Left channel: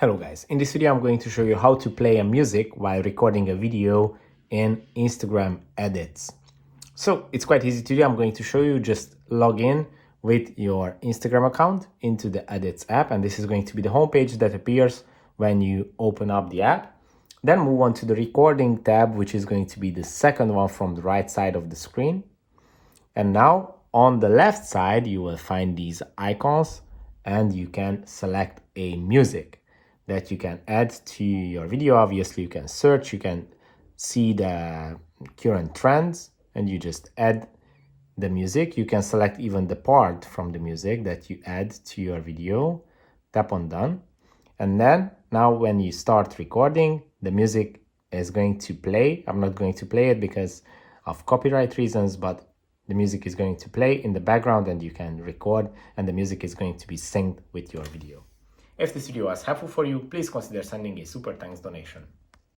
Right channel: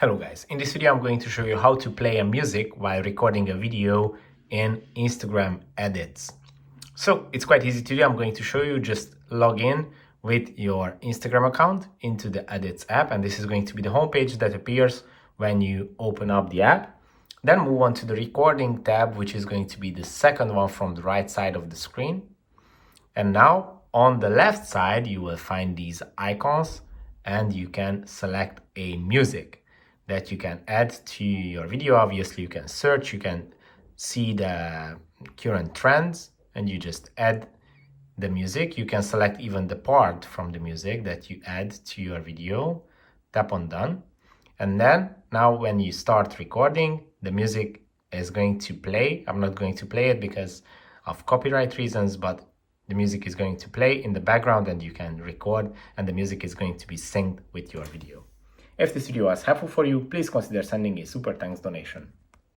Hello guys, in this video I'm going to show you how to play a music while recording a video in Instagram Edits. So it's quite easy to do. I'm going to show you, just log in with your Instagram account into the Edits app, and this is going to be the homepage that appears when you open up the app. Then move on to the recording tab, which is going to be the second one from the right side of the screen. And now on the left side you will find these icons and you can select a music that you can add to your video. Obviously you can search, you can see the current trends, and you just add the music. You can select even the part from the music that you add to your video. Tap on done, and then now when you start recording, the music is going to play. I'm not going to play it because of copyright reasons, but the music is going to play in the background and you can record, and the music is going to be synced with your video. If this video was helpful for you, please consider sending a super thanks donation.